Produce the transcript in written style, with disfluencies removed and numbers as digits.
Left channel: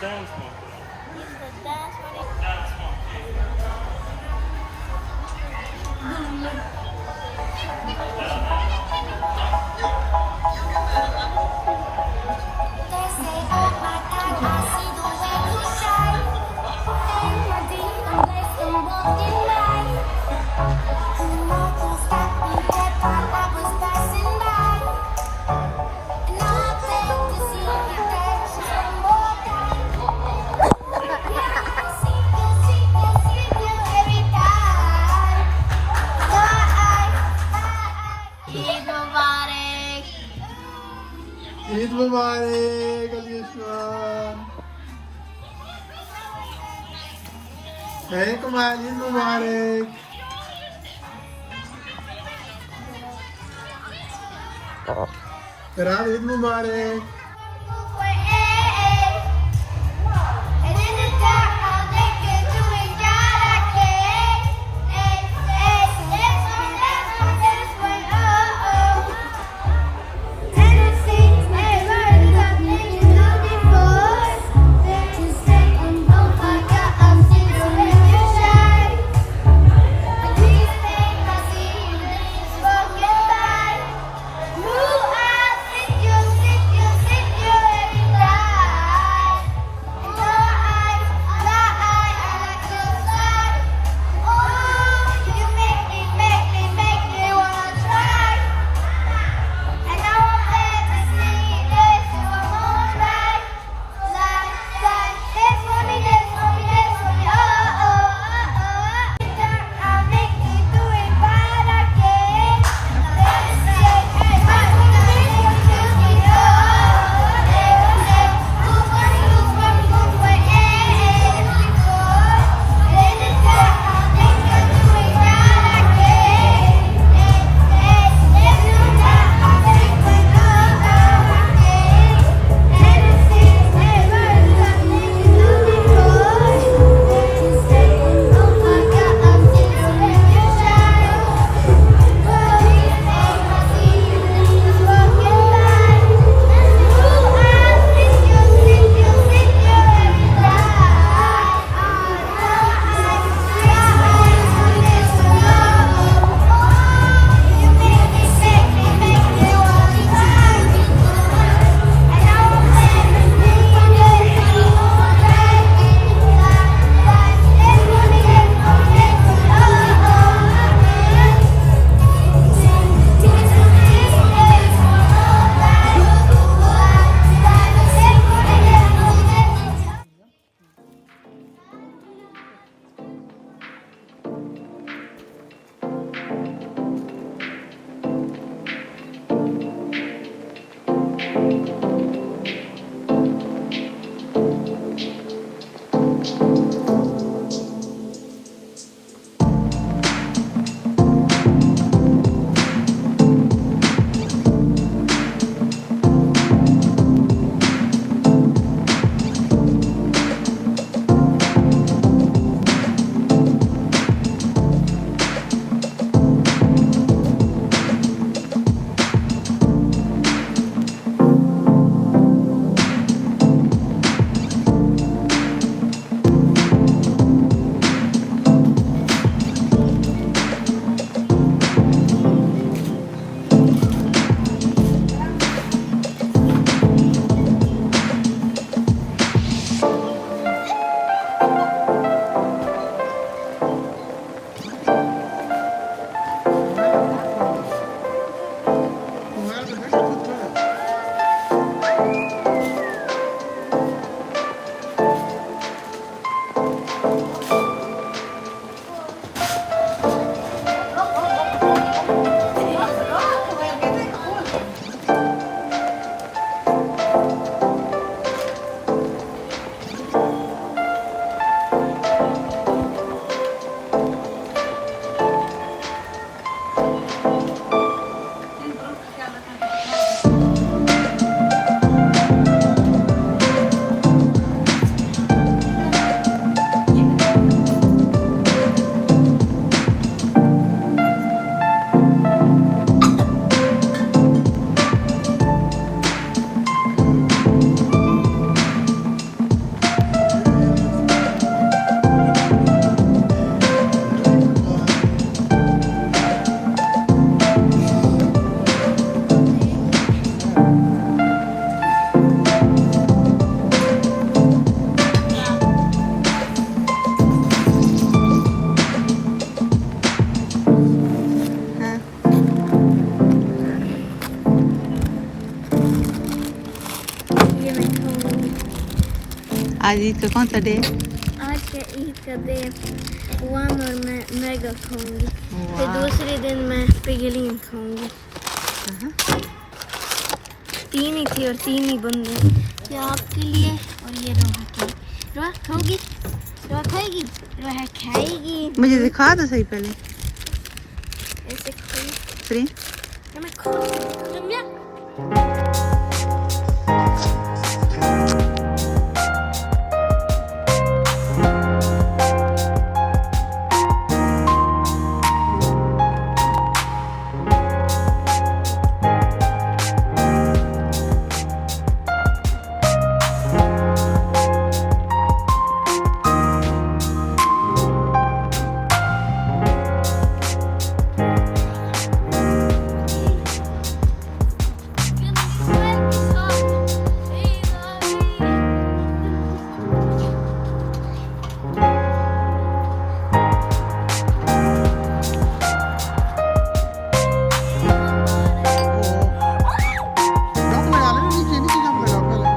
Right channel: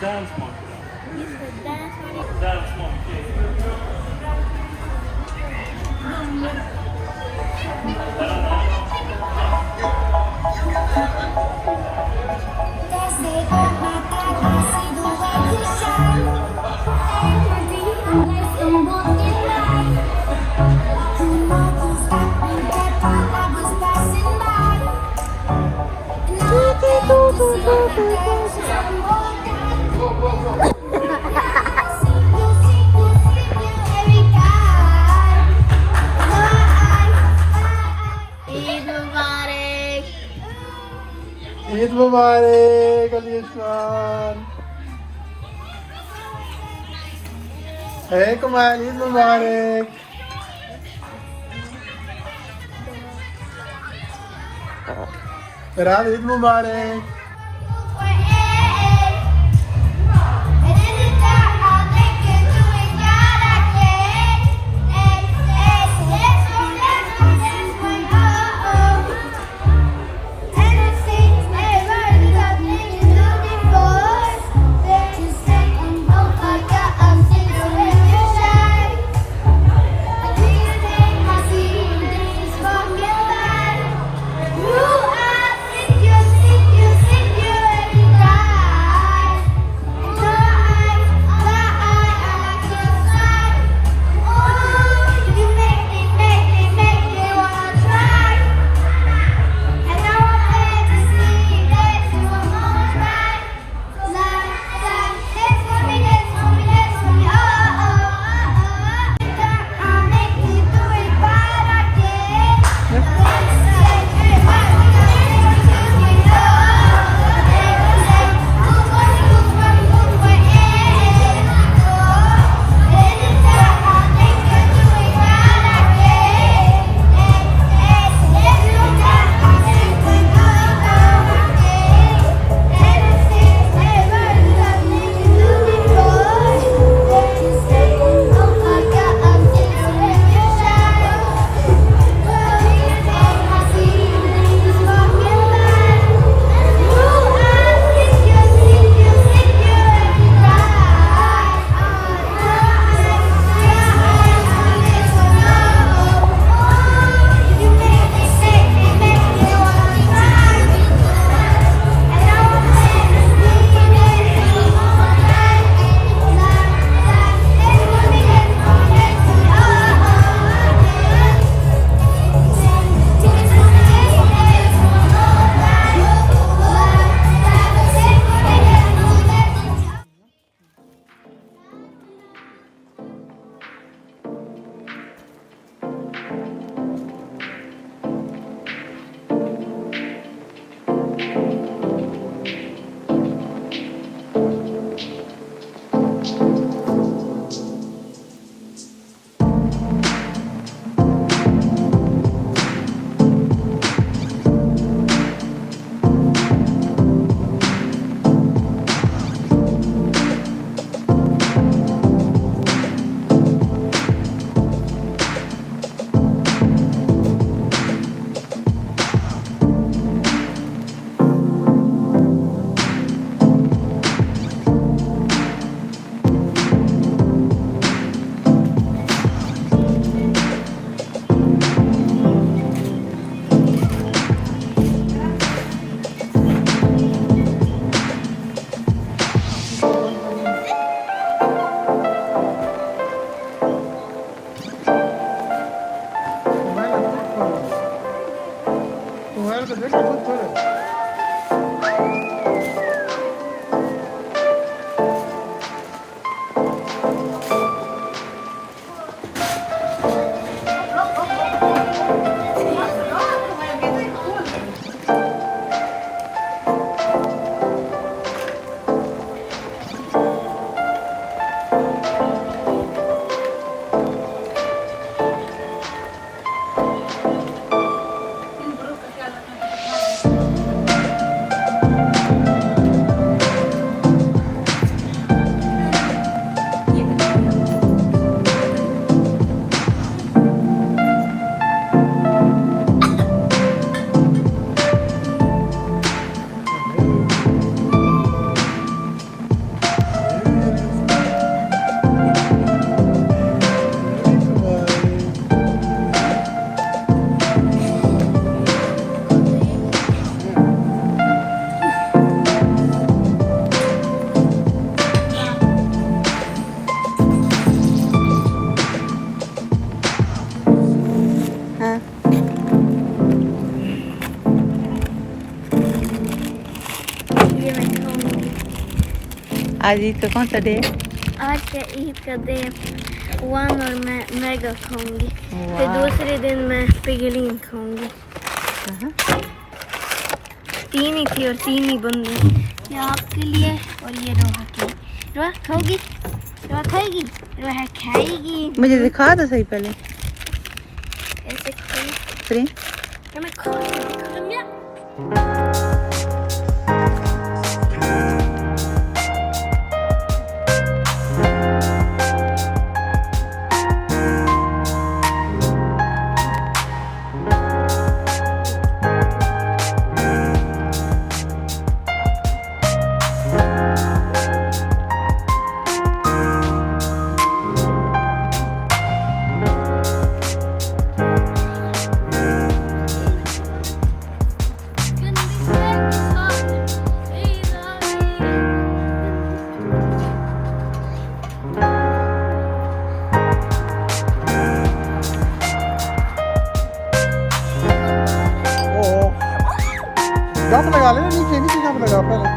dance monkey. This is the dance one. Dance monkey. They say, oh my God, I see the way you shine. Nice and walking line. Who knows who stopped me that time I was passing by? And now I came to see the dance one more time. I see you every time. Eid Mubarak. Eid Mubarak, Alisman. Hey, kumain, Eid Mubarak. Farhad, Eid Mubarak. खाऊंगी। आज ईद का कौन सा day है? आज का ईद का दिन वन और मैं मैगा खाऊंगी। फिर वाह। दूसरे दिन मैं पिगलीन खाऊंगी। तीन ही थी और तीन ही बंदे। ये आपके लिए और ये रोहा के लिए। रोहा खाओगी? रोहा खाएगी? रोहा खाएगी। मुझे दिखा दो सही पहले। ऐसे खाऊंगी। फिर मैं खाऊंगी। जंप लगा लेना नीचे नीचे जंप लगाओ पहले